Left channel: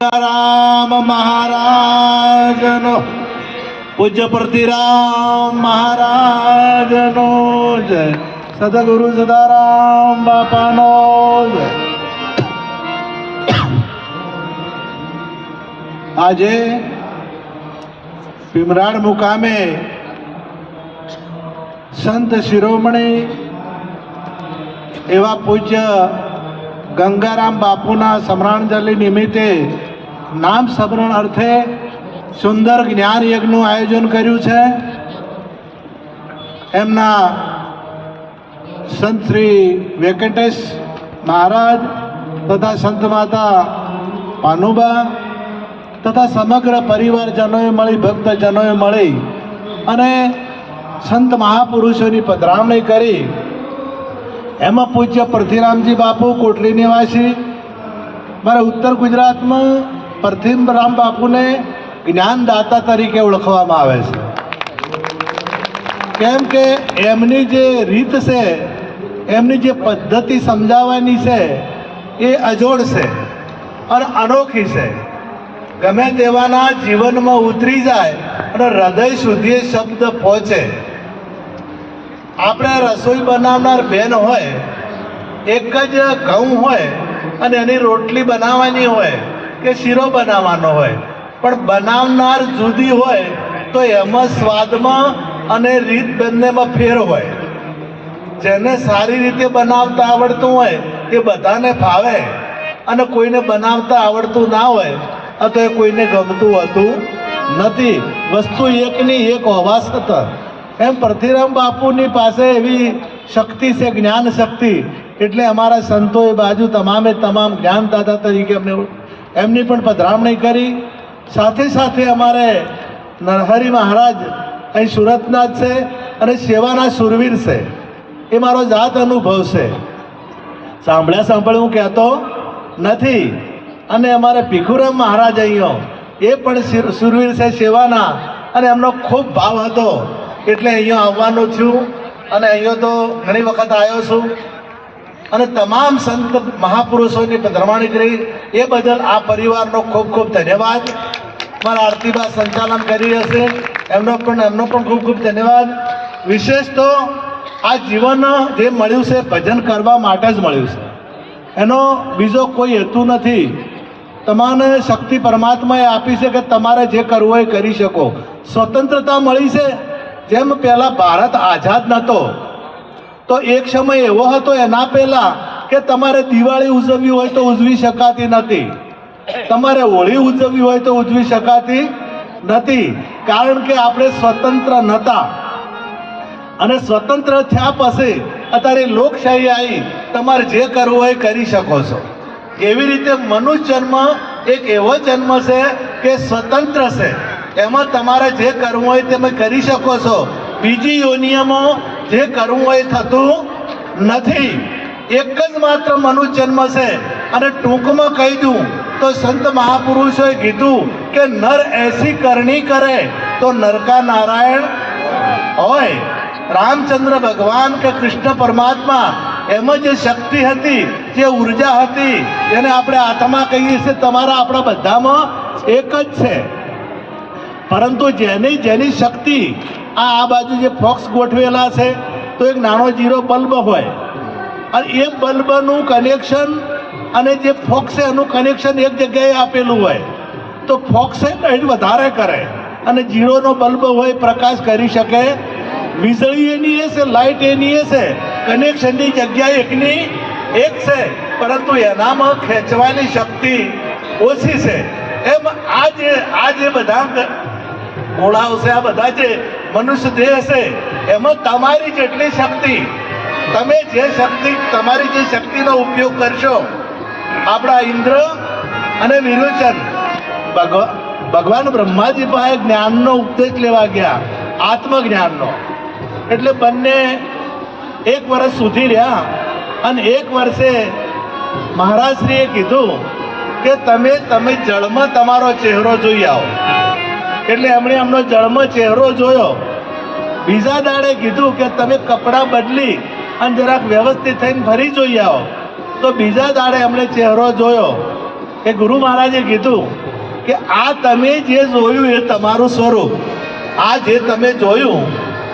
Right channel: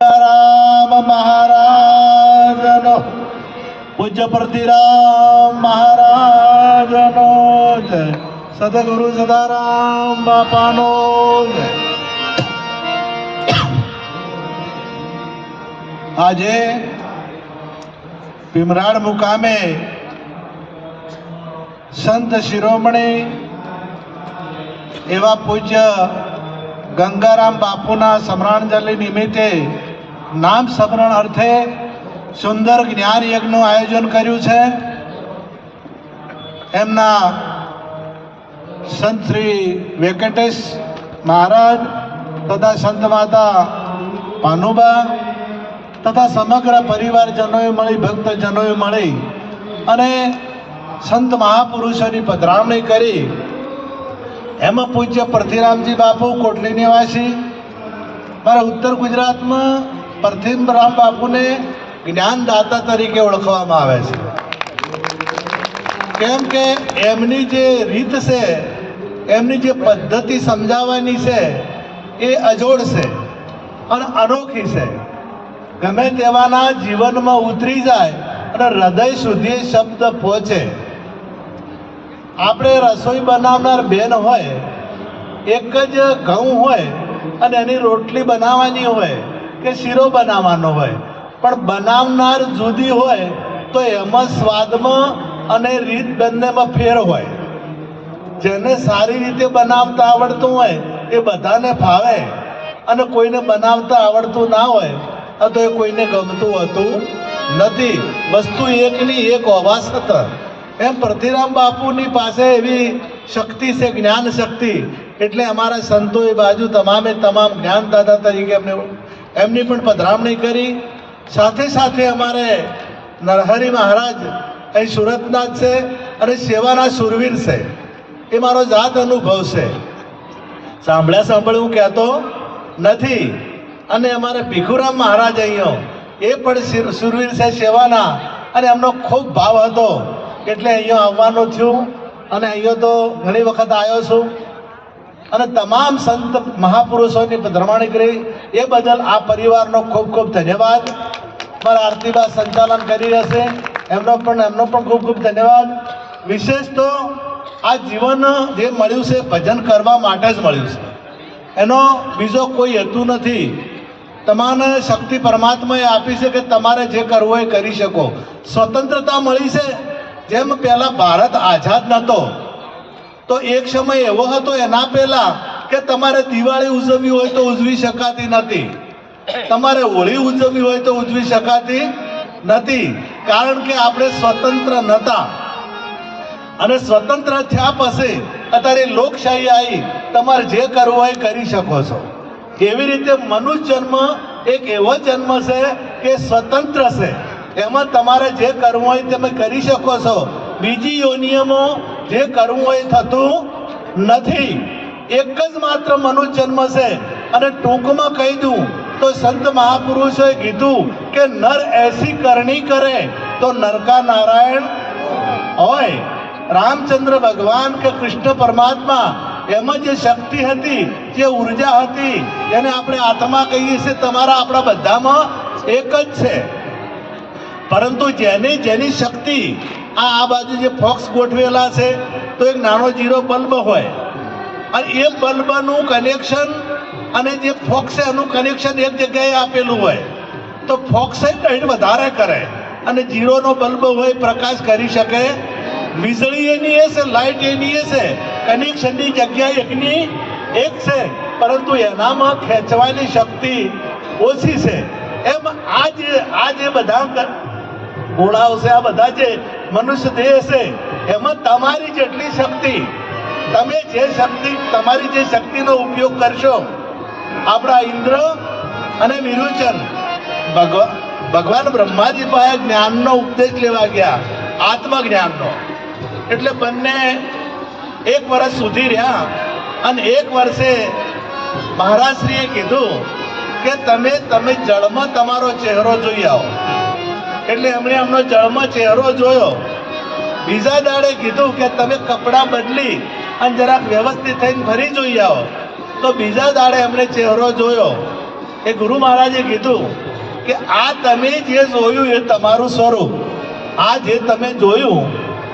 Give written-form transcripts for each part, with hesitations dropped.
राम महाराजनो पूज्य प्रतिराम महाराजनो जय सदगुरु सदाराम बापानो जय। આજે ભીમરાડ મુકામે સંત શિરોમણી એવા પૂજ્ય ગંગારામ બાપુના સ્મરણાંજલિ નિમિત્તે નામ સ્મરણ અર્થે સુંદર જ્ઞાન યજ્ઞનું આયોજન કર્યું છે। એમના સંત શ્રી વેંકટેશ મહારાજ તથા સંત માતા ભાનુબા તથા સમગ્ર પરિવારજનોએ મળી ભક્તજનોએ મળી અને સંત મહાપુરુષોની પધરામણી કરી। એમાં પૂજ્ય પૃથ્વીરામજી બાપુ કોટલી નિવાસી મારા ઉત્તર ગુજરાતમાં પૃથ્વીરામ બાપુને જ્ઞાનદાતા તરીકે ઓળખવામાં આવે છે, કેમ કે એમની જે રીત છે, એમની જે પદ્ધતિ સમજાવવાની છે એ અજોડ છે અને અનોખી છે। ગમે તેવાના જીવનમાં ઉતરી જાય અને હૃદય સુધી શબ્દ પહોંચે। આપણે રસોઈ બનાવનાર બેન હોય, એક જ ઘઉં હોય અને એની રોટલી બનાવવાની હોય કે શીરો બનાવવાનો હોય, પણ બનાવનાર જુદી હોય તો એમાં સ્વાદમાં અને રીત બંનેમાં ફેર હોય। જેને સારી રીતે બનાવતા આવડતું હોય એ બધાને ફાવે અને કોઈને બનાવતા આવડતું ના હોય તો એ કોઈને ગમતું હોતું નથી। વસ્તુ એકની એક હોવા છતાં એમ પૃથ્વીરામ બાપુની પાસે એવી શક્તિ છે, જ્ઞાન શક્તિ, એટલે અમારા સંતોએ બાજુ તમામે તમામ જ્ઞાનદાતા તરીકે એમની પણ પધરામણી કરી। સાથે સાથે અમારે નરહરી મહારાજ અહીં સુરતના જ છે અને સેવાના સુરવીર છે, એ મારો જાત અનુભવ છે, સાંભળ્યું કહેતો નથી। અને અમારે ભીખુરામ મહારાજ અહીંયા એ પણ સુરવીર છે સેવાના, અને એમનો ખૂબ ભાવ હતો એટલે અહીંયા આવવાનું થયું અને અહીંયા તો ઘણી વખત આવ્યો છું અને તમામ સંત મહાપુરુષોની પધરામણી કરી। એ બદલ આ પરિવારનો ખૂબ ખૂબ ધન્યવાદ। મારા આરતીબા સંચાલન કરી રહેશે, એમનો પણ ખૂબ ખૂબ ધન્યવાદ। વિશેષ તો આ જીવન જે મળ્યું છે ભજન કરવા માટે જ મળ્યું છે, એનો બીજો કોઈ હેતુ નથી। તમારે શક્તિ પરમાત્માએ આપી છે કે તમારે જે કરવું હોય કરી શકો। સ્વતંત્રતા મળી છે। જેમ પહેલા ભારત આઝાદ નહોતો તો એક સમય એવો હતો એના પહેલા કે તમારે દિવાળી ઉજવવી હોય તો ઉજવી શકાતી નથી, તમારે હોળી ઉજવવી હોય તો ઉજવી શકાતી નથી, કારણ કે આપણે સ્વતંત્ર નહોતા। અને સ્વતંત્ર થયા પછી અત્યારે લોકશાહી આવી, તમારે જે કરવું હોય કરી શકો છો। એવી રીતે મનુષ્ય જન્મ એક એવો જન્મ છે કે સ્વતંત્ર છે, એમાં તમારે જે કરવું હોય તમે કરી શકો છો। બીજી યોનિઓમાં જે કરવું હોય થતું નથી। એક જ માત્ર મનુષ્ય જન્મ છે। અને ટૂંકમાં કહી દઉં તો સંત મહાપુરુષોએ કીધું કે નર એસી કરણી કરે તો નરકા નારાયણ હોય। રામચંદ્ર ભગવાન કે કૃષ્ણ પરમાત્મા એમાં જે શક્તિ હતી, જે ઉર્જા હતી, જેને આપણે આત્મા કહીએ છીએ, તમારા આપણા બધામાં એક જ છે। પરંતુ જેની શક્તિ આ બાજુ જે ફોક્સ ગોઠવેલા છે તો એક નાનો જીરો બલ્બ હોય અને એ બલ્બનું કનેક્શન અને જે ફોક્સ છે એનું કનેક્શન એક જગ્યાએ આપેલું હોય તો ફોક્સે કંઈ વધારે કરે અને જીરોનો બલ્બ હોય પ્રકાશ કરી શકે। વીજળી એની એ છે, લાઇટ એની એ છે, કનેક્શનની જગ્યા એકની એક છે, પરંતુ એનામાં ખેંચવાની શક્તિ ઓછી છે। એમ આ જે બધા ગોળાઓ છે, આ બધા જે મનુષ્ય દેહ છે, એમાં તમારી જેટલી શક્તિ, તમે જે શક્તિ, તમારી જે શક્તિનો ઉપયોગ કરશો। આપણા ઇન્દ્ર અને વિરોચન ભગવાન બ્રહ્માજી પાસે જ્ઞાનનો ઉપદેશ લેવા ગયા, આત્મજ્ઞાનનો, એટલે બંને એક વર્ષ સુધી રહ્યા અને એક વર્ષે મહારાજશ્રીએ કીધું કે તમે જળમાં તમારો ચહેરો જોઈ આવો। એટલે એમણે એમનો જળમાં ચહેરો જોયો। બીજા દાડે કીધું કે તમે કપડાં બદલી અને જરાક વ્યવસ્થિત થઈને ફરી જોઈ આવો। તો બીજા દાડે એમણે ચહેરો જોયો એ ગુરુ મહારાજે કીધું કે આ તમે જે જોયું એ તમારું સ્વરૂપ, આ જે તમે જોયું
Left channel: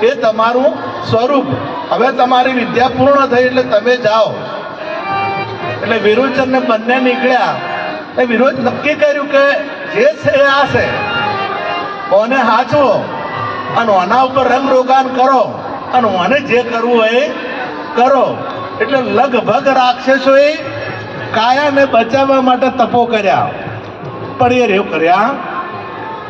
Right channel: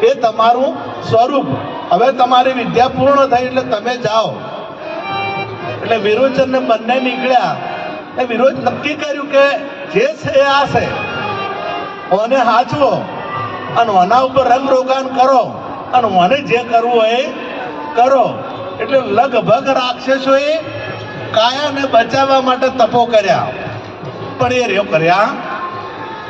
એ તમારું સ્વરૂપ. હવે તમારી વિદ્યા પૂર્ણ થઈ એટલે તમે જાઓ. એટલે વિરોચન ને બંને નીકળ્યા. એ વિરોધ નક્કી કર્યું કે જે છે એ આ છે, ઓને હાચવો અને ઓના ઉપર રંગ રોગાન કરો અને મને જે કરવું હોય એ કરો. એટલે લગભગ રાક્ષસોએ કાયાને બચાવવા માટે તપો કર્યા, પણ એ રેવ કર્યા.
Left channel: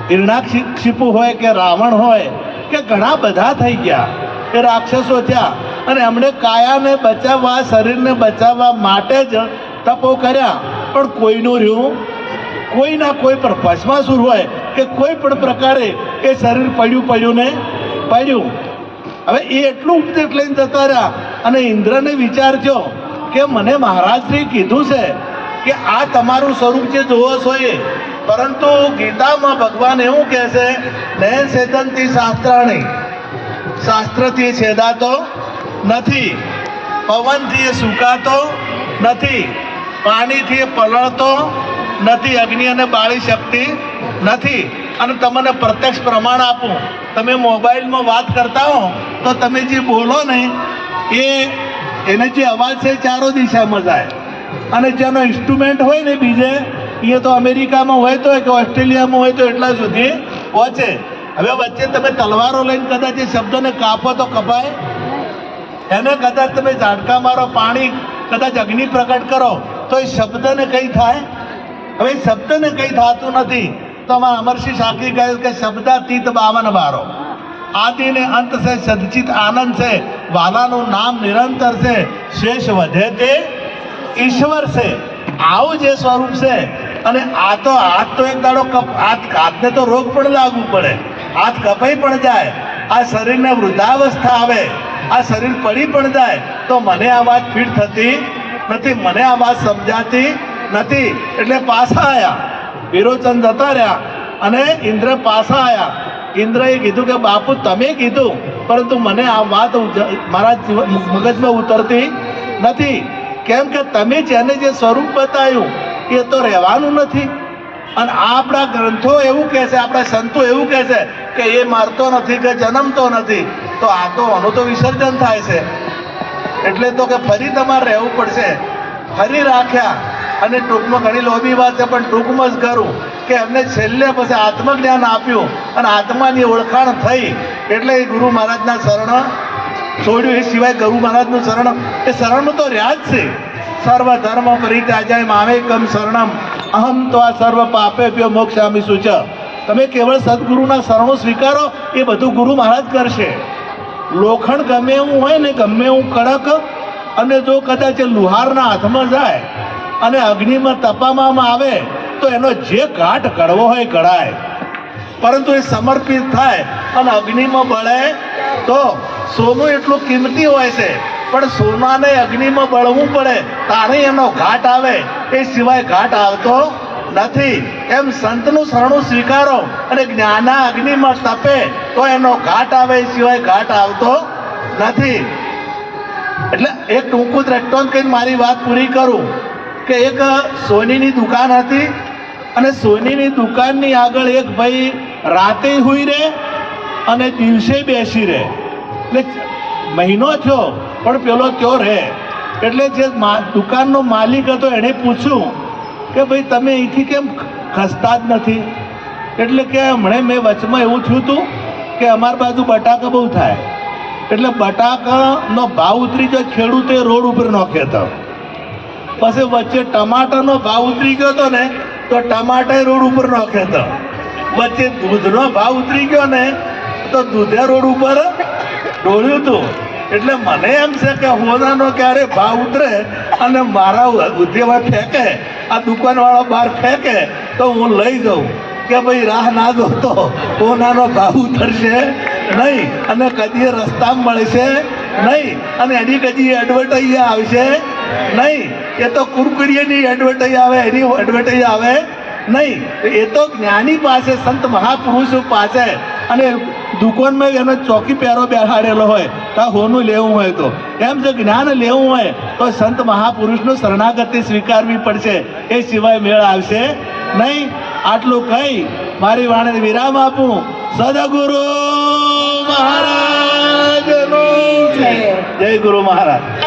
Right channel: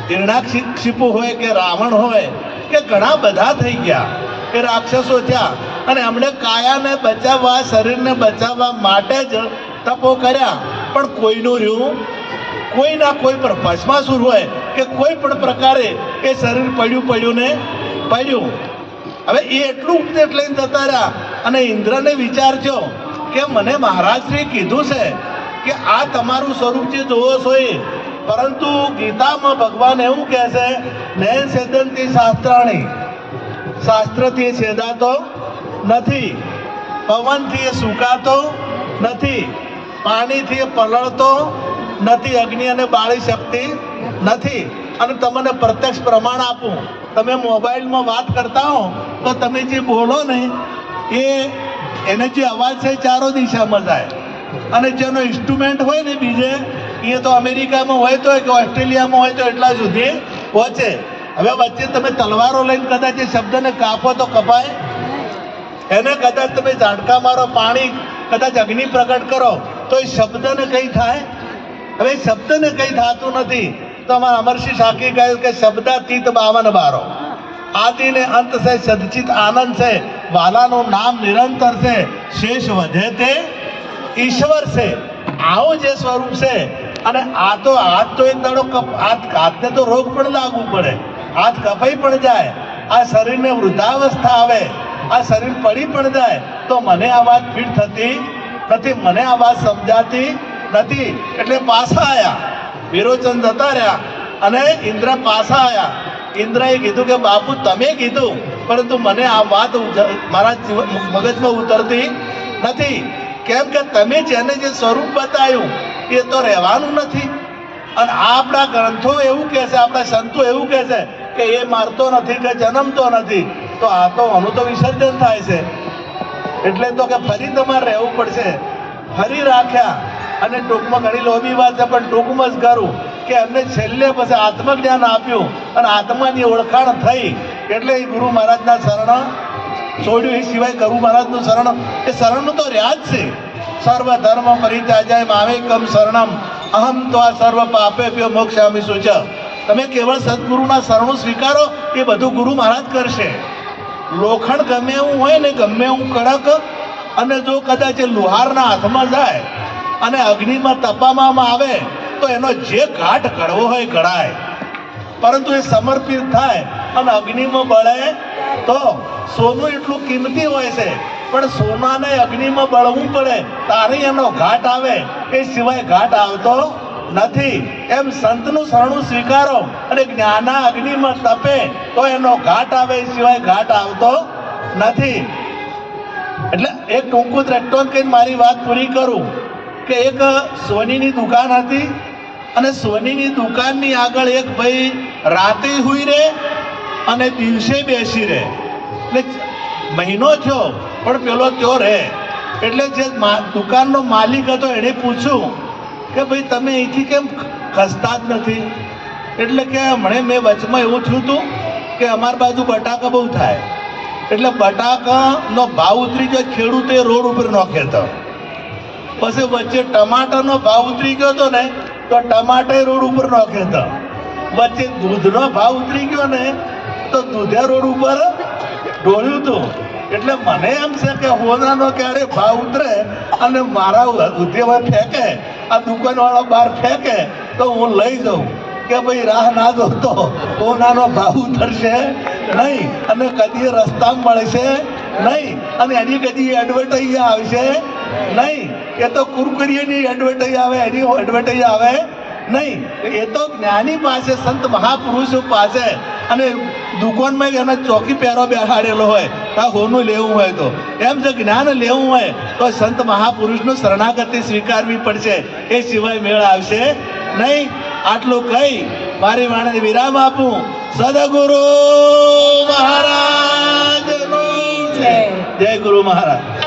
હિરણાક્ષિપુ હોય કે રાવણ હોય કે ઘણા બધા થઈ ગયા એ રાક્ષસો થયા, અને એમણે કાયાને બચાવવા, શરીરને બચાવવા માટે જ તપો કર્યા. પણ કોઈનું રહ્યું, કોઈના કોઈ પણ ભસ્માસુર હોય કે કોઈ પણ પ્રકારે એ શરીર પડ્યું ને પડ્યું. હવે એ એટલું ઉપદેશ લઈને જતા રહ્યા, અને ઇન્દ્રને વિચાર થયો કે મને મહારાજશ્રી કીધું છે કે આ તમારું સ્વરૂપ જે જોવો છો એ, પરંતુ ગીતામાં ભગવાન એવું કહે છે, નયન છેદંતી શાસ્ત્રાણી, શાસ્ત્રથી છેદાતો નથી, પવનથી એ સુકાતો નથી, પાણીથી એ પલળતો નથી, અગ્નિ અને બાળી શકતી નથી. અને તમને પ્રત્યક્ષ પ્રમાણ આપું, તમે મોબાઈલમાં વાત કરતા હો તો તમે જે બોલો ને એને જે અવાજ છે ચારો દિશામાં જાય, અને જેનો ઇન્સ્ટ્રુમેન્ટ હોય ને બીજે, એ તો અમેરિકામાં હોય તો કે ઓસ્ટ્રેલિયામાં હોય તો એટલા સુધી પહોંચે. હવે વચ્ચે તમે તલવારો લઈને કદાચ એ શબ્દને કાપો તો કપાય, એને કદાચ તમે ઝાટકા મારો, પાણી કદાચ અગ્નિ પ્રગટ કરો તો એ શબ્દને કંઈ થાય? હવે શબ્દને કંઈ થતું નથી. તો અમારા અમરસિંહ સાકી કહ્યું કે શબ્દાતીત 52 બારો, આદિ ને અંત છે, સદચિત આનંદ છે, વાલાનું નામ નિરંતર છે, શેષ વધે તે ઈશ્વર છે. આવું જે સ્વરૂપ છે. અને આ તો હાથ તો એક દાડો હાથને તો રોગ પણ લાગવું પડે, હાથ કપાઈ પણ જાય, આ શરીરને વૃદ્ધાવસ્થા આવે, આ શરીર પડી પણ જાય, તો મને આ વાત ફીટ થતી નથી, મને આ વાત સમજાતી નથી. એટલે પાછા આવ્યા, વિરોચન જતા રહ્યા અને ઇન્દ્ર પાછા આવ્યા. ઇન્દ્રએ કીધું કે બાપુ તમે કીધું, પરંતુ મને આ વાત મારા મગજમાં ઉતરતી નથી. કેમ કે તમે જેને જે સ્વરૂપ બતાવ્યું એ તો રહેવાનું નથી. અને આ આપણા ગ્રંથો એવું કહે છે, આપણા સંતો એવું કહે છે કે એ મરતો નથી કે જન્મતો નથી. તો આ તો આનું તો વિસર્જન થાય છે. એટલે તો કે ફરી તમારે રહેવું પડશે. ફરી રાખ્યા, અને ટૂંકમાં ઘણી લોભી વાત છે પણ ટૂંકમાં જ કરું કે એમને છેલ્લે પછી આત્મજ્ઞાન આપ્યું અને આત્માની ઓળખાણ થઈ. એટલે એ ગુરુ મહારાજના શરણ છોડ્યું. એ સિવાય ગુરુ મહારાજનું શરણ, એ શરણમાં તો રહ્યા જ છે. સર્વ ધર્મ પરિત્યાજ્ય મામેકમ શરણમ અહમ ત્વા સર્વ પાપેભ્યો મોક્ષામિ શુચ. તમે કેવળ સદગુરુના શરણો સ્વીકારો, એ બધું ગુરુ મહારાજ કરશે. લોખંડ ગમે એવું હોય ને, ગમે એવું કડક, અને જો કદાચ લુહારના હાથમાં જાય અને અગ્નિમાં તપાવવામાં આવે તો એનો જે ઘાટ કડવો હોય કડાય, પરંતુ એ સમર્પિત થાય અને અગ્નિમાં બળે તો સોનું એટલું કિંમતી હોય છે, પણ સોનાને અગ્નિમાં બળવું પડે તારે એનો ઘાટ આવે, એ સિવાય ઘાટ આવતો નથી. એમ સંતનું શરણું સ્વીકારો અને જ્ઞાના અગ્નિમાં તપે તો એનો ઘાટ આવે, એ સિવાય ઘાટ આવતો નથી. એટલે એક ટૂંકું દ્રષ્ટાંત કહીને મારી વાત પૂરી કરું કે એક સોનીની દુકાન હતી, અને સોનીની દુકાનની આગળ એક ભાઈ રાતે હુઈ રહે અને દિવસે બેસી રહે. એટલે મહિનો થયો પણ પેલો ત્યો રહે. એટલે જે દુકાનનો માલિક હતો એણે પૂછ્યું કે ભાઈ તમે અહીંથી કેમ ખસતા જ નથી? એટલે કે હમણાં મેં વચમાં એવું થયું હતું કે અમારી બાજુ બટાકા બહુ થાય, એટલે બટાકાનો ભાવ ઉતરી ગયો, ખેડૂતે રોડ ઉપર નાખ્યો હતો. પછી વચ્ચે ટમાટરનો ભાવ ઉતરી ગયો હતો ને તો ટમાટર રોડ ઉપર નાખ્યો હતો. વચ્ચે દૂધનો ભાવ ઉતરી ગયો ને તો દૂધે રોડ ઉપર ઢોળ્યું હતું. એટલે મને એમ છે કે હોનાનો ક્યારે ભાવ ઉતરે અને મારા ઉદ્યોગ ફેંકે, આ દુકાનવાળો બહાર ફેંકે તો હું લઈ જાઉં કે ભાઈ રાહ ના જોતો, હોનાનો ભાવ ઉતરશે નહીં અને કદી રસ્તામાં મળશે નહીં, અને એની કદી એડવર્ટાઈઝ આવશે નહીં. એ તો કુરકુરિયાની એડવર્ટાઈઝ આવે, એની એડવર્ટાઈઝ આવે નહીં. એ તો જ્ઞાની પાસે, સંત મહાપુરુષો પાસે અને દુકાનમાં એને ચોકી પહેરો બેહાડેલો હોય આ હોનું લેવું હોય તો એમ જો જ્ઞાન લેવું હોય તો સંત મહાપુરુષનું શરણાગતિ સ્વીકારવી પડશે, એ સિવાય મેળ આવશે નહીં. આટલું કહી મારી વાણીને વિરામ આપું. સદગુરુ મહારાજ જય ગુરુ મહારાજ.